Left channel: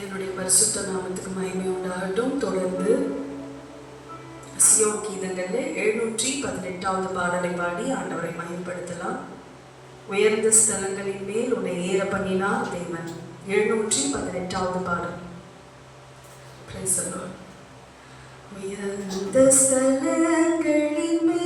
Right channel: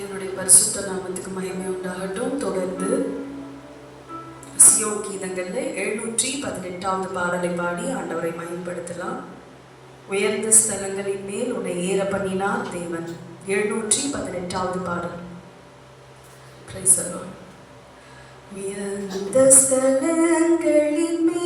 தேவனுடைய பரிசுத்த நாமத்துக்கு மகிமை உண்டாகட்டும். தொடர்ந்து சியோ கீதங்களில் எழுநூற்றி பதினெட்டாவது பாடலை பாடி ஆண்டவரை மயன்படுத்தலாம் உயர்ந்த ஸ்தலங்களின் மேல் உன்னை ஏற பண்ணினார் தேவன். எழுநூற்றி பதினெட்டாவது பாடல். உயர்ந்த ஸ்தலங்களின் மேல்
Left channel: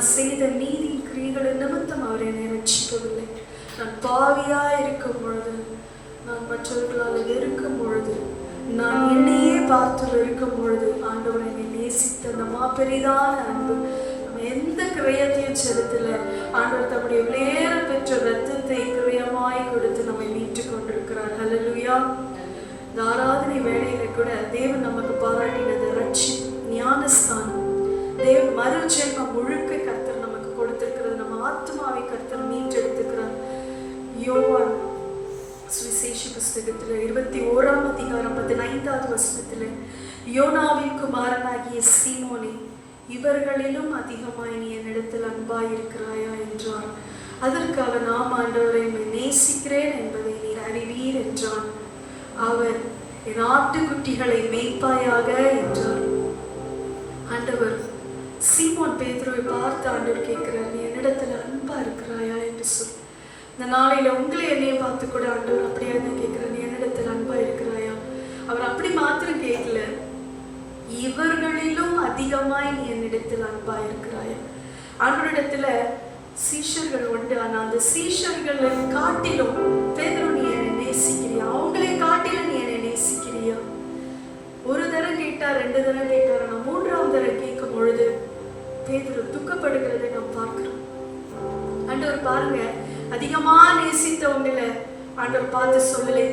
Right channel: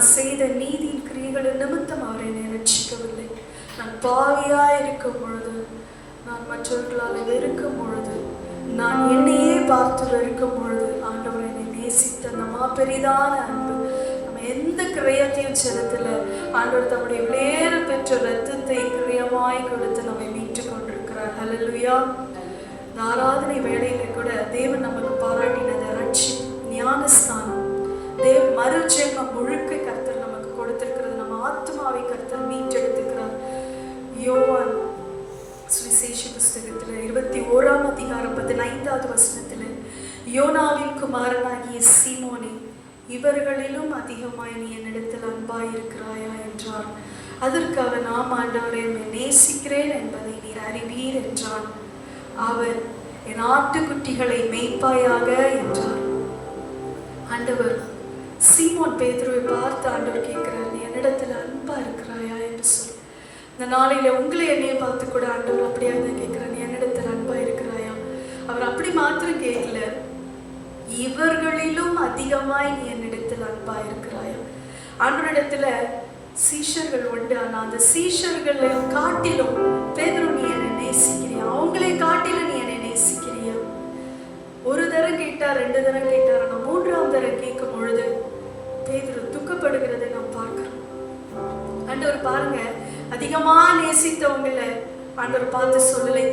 நான் செய்த நீதியின் கிரியைகளின் நிமித்தம் அவர் என்னை ரட்சிக்கவில்லை. நான் பாவியாய் இருக்கும் பொழுது நான் மற்றவர்களால் வெறுக்கும் பொழுது நான் என்னையே பார்த்து வெறுக்கும் பொழுது ஆண்டவர் என்னை நேசித்த அந்த மாபெரிதான அன்பு. நம்ம எந்த கிரயத்தையும் செலுத்தல. ஆண்டவர் தம்முடைய விளையேற பெற்ற ரத்தத்தை கிரயமாய் கொடுத்து நம்மை மீட்டு கொண்டிருக்கிறார். ஹலலுயா இந்த ஆராதனை வேலையில கூட தேவன் நமக்கு பாராட்டினது ரட்சி ஞானஸ்தானம். தேவ மறுஜென்மம் இவர்களிலும் அதிகமாய் நீ என்னிடத்தில் அன்பாய் இருக்கிறாயா என்றார். அதற்கு அவன் நாம் ஆண்டவரை என்னை நேசிக்கிறேன் என்பதை நீர் அறிவீர் என்றான். அவர் என் ஆட்டுக்குட்டிகளை மேய்ப்பாயாக என்றார். ஆண்டவர் சீமோன் பேதுருவை பார்த்து ஆண்டவர் கேட்கிறார் நீ என்னிடத்தில் அன்பா இருக்கிறாயா? என்று சொல்லி இந்த நாளையில உங்களை என்னைய பார்த்து கூட ஆண்டவர் அப்படியே தான் கேட்கிறார் நீ என்னிடத்துல அன்பா இருக்கிறாயா? அவர் அப்படி மாத்திரம் கேட்கல. இவர்களிலும் அதிகமாய் நீ என்னிடத்தில் அன்பா இருக்கிறாய். ஆண்டவரிடத்துல சீஷர்கள் உண்டு. ஆனா அந்த சீஷர்களை காட்டிலும் பேதரும் நீ என்னை நேசிக்கிறியா? அவங்களே காட்டிலும் நீ என்னை நேசிக்கிறியா? ஒரு தரம் கேட்டா ரெண்டு தரம் கேட்டார். ஆனா மூன்றாம் தரம் கேட்கும் பொழுது பேதுரு துக்கப்படுகிறதை நாம் பார்க்கிறோம். ஆண்டவர் பாருங்க அதிகமா நேசித்தவங்களை ஆண்டவர் பார்த்து சொல்லலை.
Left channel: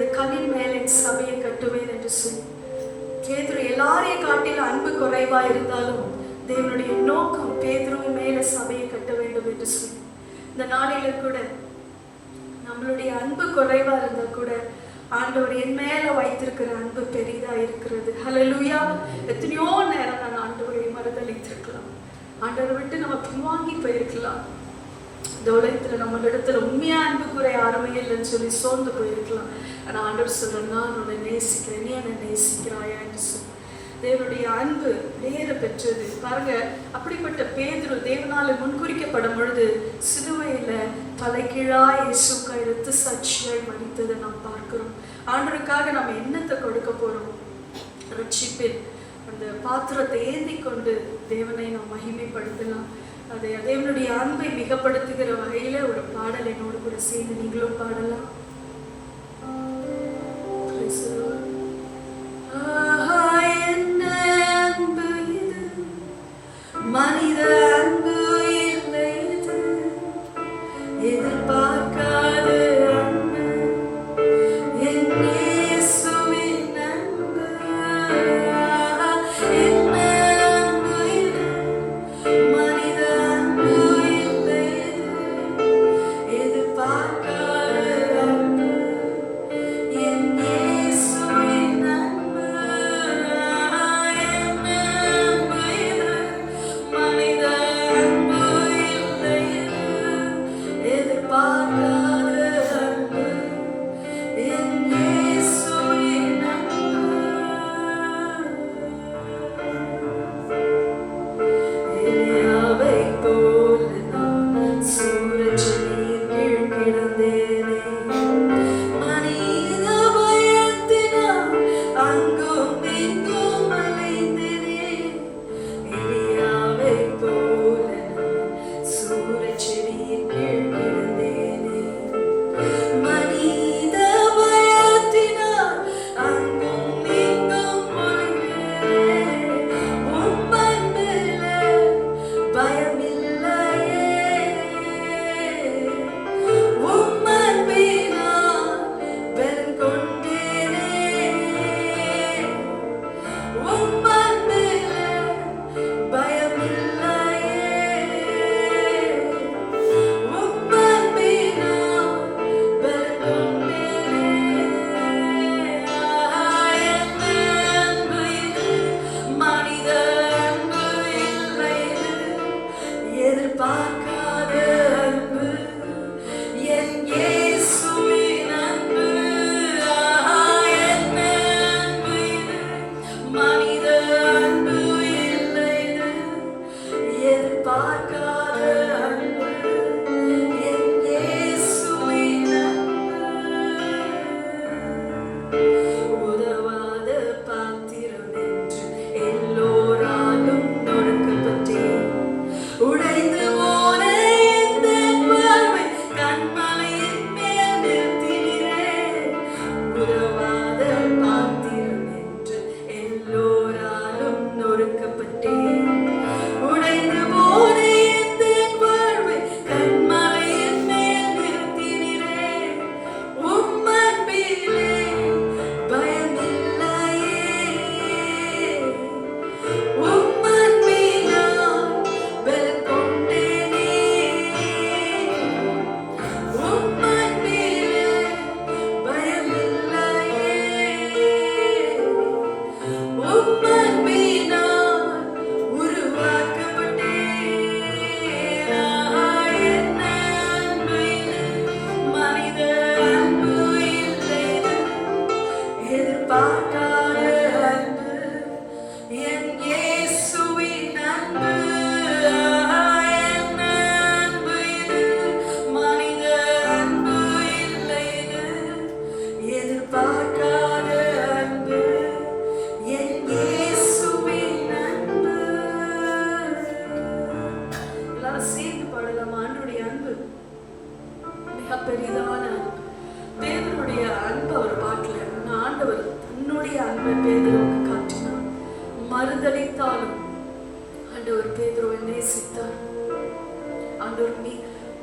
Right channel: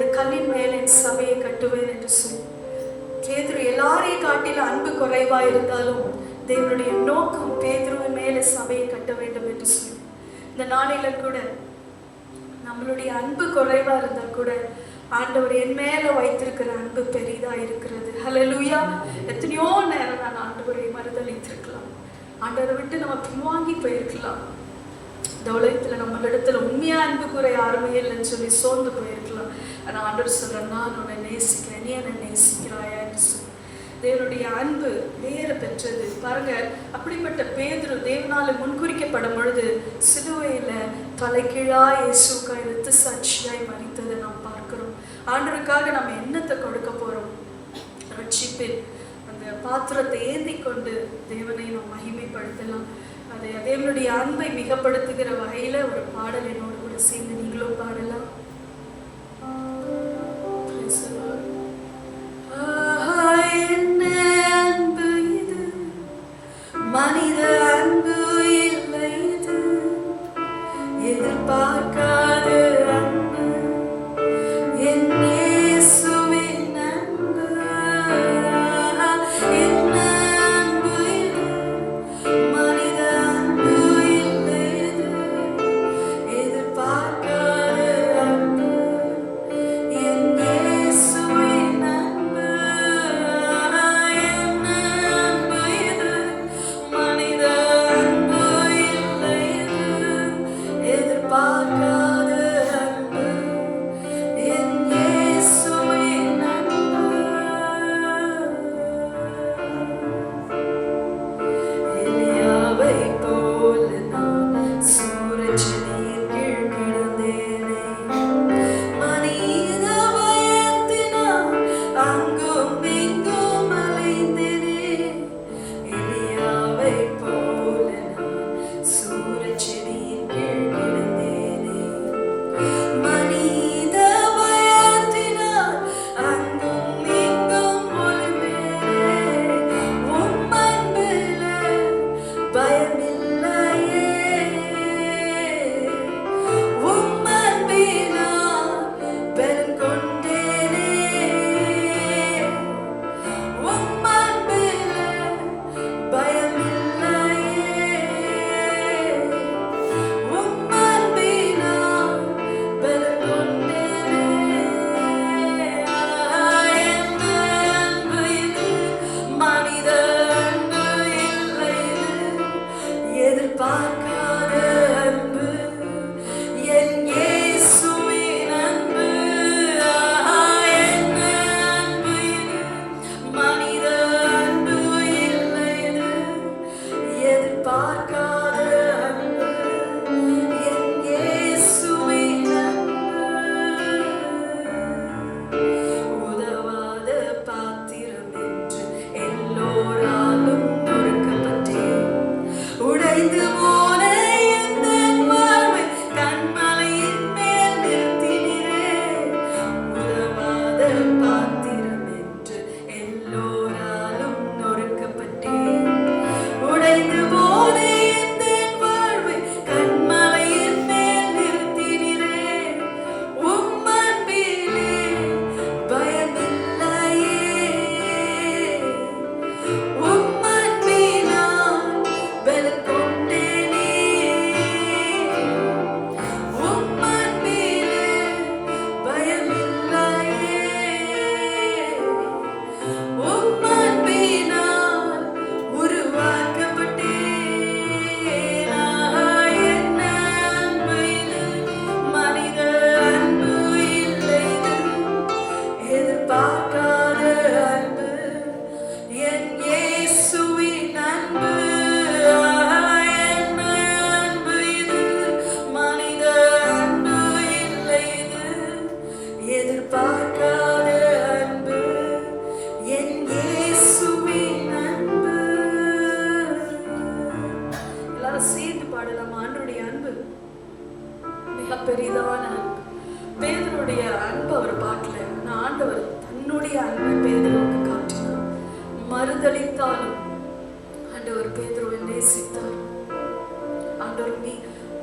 குறைவா இருந்தாலும் தேவனுடைய நோக்கம் பேதுருவின் மேல சபையை கட்ட வேண்டும் என்று சொல்லி. இந்த நாளில கூட நம்மளுடைய அன்பு குறைவா இருந்தா கூட ஆண்டவர் என் மேல வைத்திருக்கிற அன்பு பெரிதா இருக்கிறது. ஹalleluya எத்தனையோ நேரம் நான் ஆண்டவரை மறுதளித்திருக்கலாம். ஆண்டவரை விட்டு நம்ம பின்வாங்கி போயிருக்கலாம். இந்த உலகத்துல நம்மளிடத்துல உண்மையா அன்பு குறை யாருமே இல்லைன்னு சொல்லி சோர்ந்து போயிருக்கலாம். ஆனா ஆண்டவர் சொல்றேன் நான் உன்னை நேசிக்கிறேன். நீ என்னை நேசிக்கிறாயா? என்று சொல்லி. தேவனுடைய அன்பு நேர பெற்றது. பாருங்க அப்படிப்பட்ட பேதுரு தேவனால முன்குறிக்கப்படும் பொழுது சிலுவையில தலைகீழா இயேசுக்காய் ரத்த சாட்சியாய் மறித்ததை நாம் பார்க்கிறோம். ஆண்டருக்காக நம்ம என்னத்தை கொடுக்க போறோம்? ரட்சிப்பின் அந்த பாத்திரத்தை ஏந்தி கொண்டு தேவனை நாம் மகிமைப்படுத்தலாம். அதை தேவனுடைய அன்பை மிகப்படுத்துகிற வகையில ஒரு பாடல் என்னோடு கூட சேர்ந்து நீங்களும் பாடலாம்.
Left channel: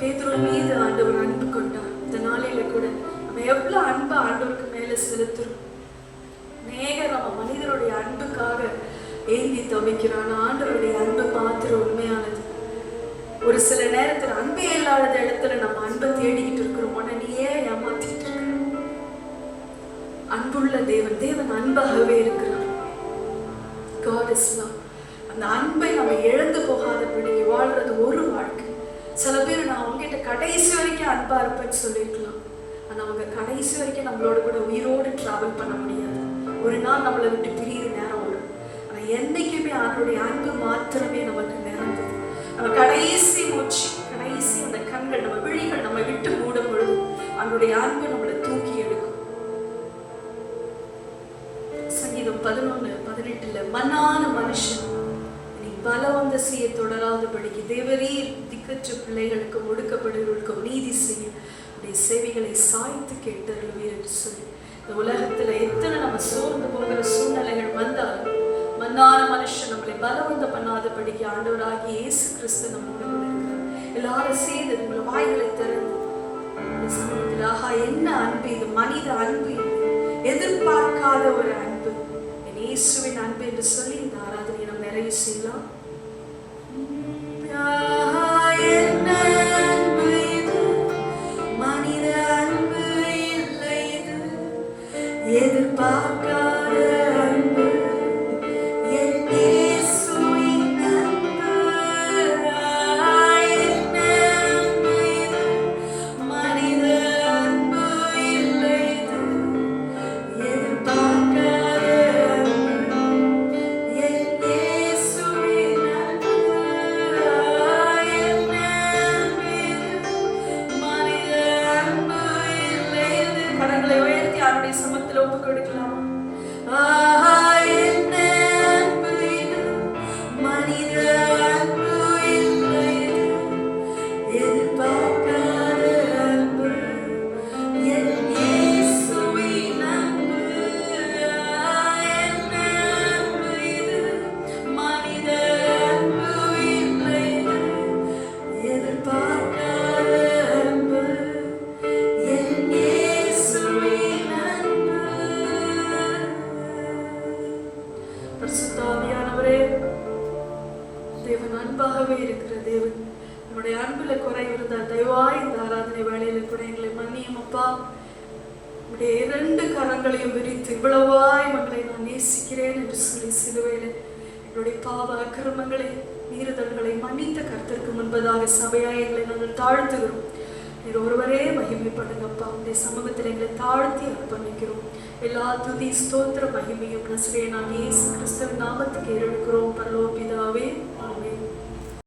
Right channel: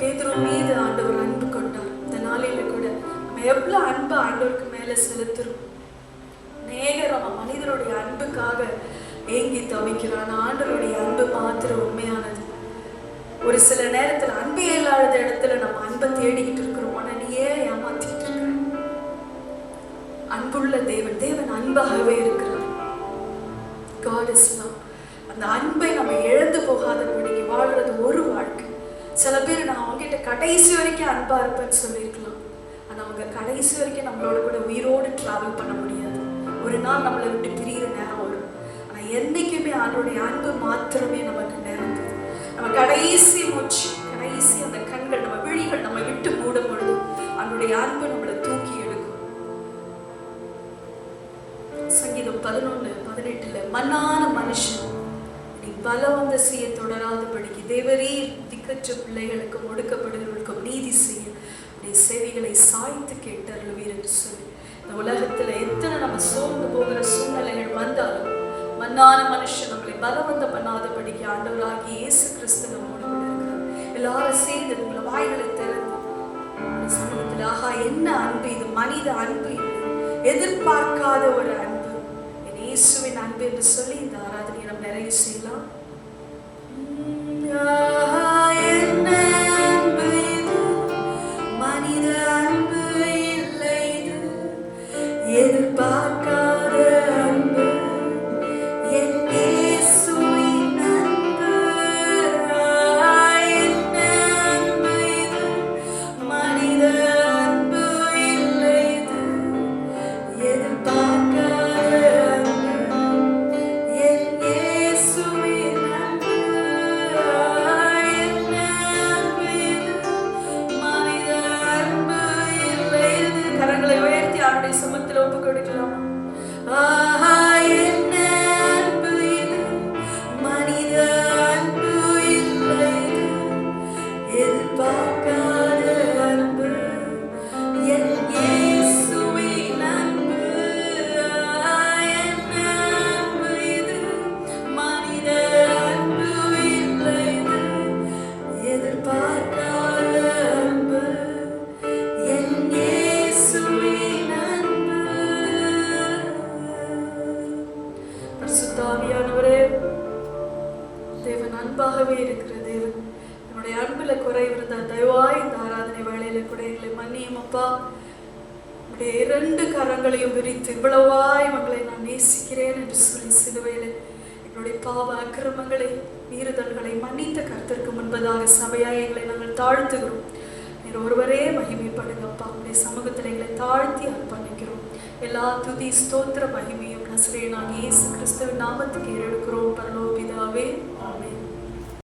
பேதுரு மீது ஆண்டவர் அன்பு கொண்டார். இந்த நாளையில கூட நம்ம எவ்வளோ அன்பு ஆண்டவருக்கு மேலே செலுத்துறோம். நேகர் அவன் மனிதனுடைய அன்புக்காக ஏங்கி தவிக்கிறான். ஆண்டவருடைய அன்பு மாத்திரம் உண்மையானது. ஒரு சில நேரத்தில் அன்பு இல்லாத இடத்துல நம்ம அன்பை தேடிக்கிட்டு அவருடைய அன்பு நம்மளை தூக்கி எடுக்கும். சங்கீதம் பதினொன்னு பதினெட்டுல மன்னான மனுஷன் நீ பலம் செய்ய தொடராதபடிக்கு தேவரீர் திக்கற்ற பிள்ளைகளுக்கு ஒடுக்கப்படுகிறவர்களுக்கு நீதி செய்ய உடைய செவிகளை சாய்த்து கேட்டு என்று சொல்லி. இந்த உலகத்துல எத்தனை நம்ம சோர்ந்து போகிற சூழ்நிலைகள் வந்தாலும் மன்னான மனுஷன் நம்மளை பலவந்த பண்ணாதபடிக்கு ஆண்டவராகி இயேசு கிறிஸ்து நம்மோடு எல்லாரும் சேர்ந்து மனித அன்பு எதிர்பார்க்காத ஒரு அன்பு. என் இயேசுவின் அன்பு என்று சொல்லி இந்த ஆராதனை நாம் நிறைய செய்யலாம். எதிர்பார்க்க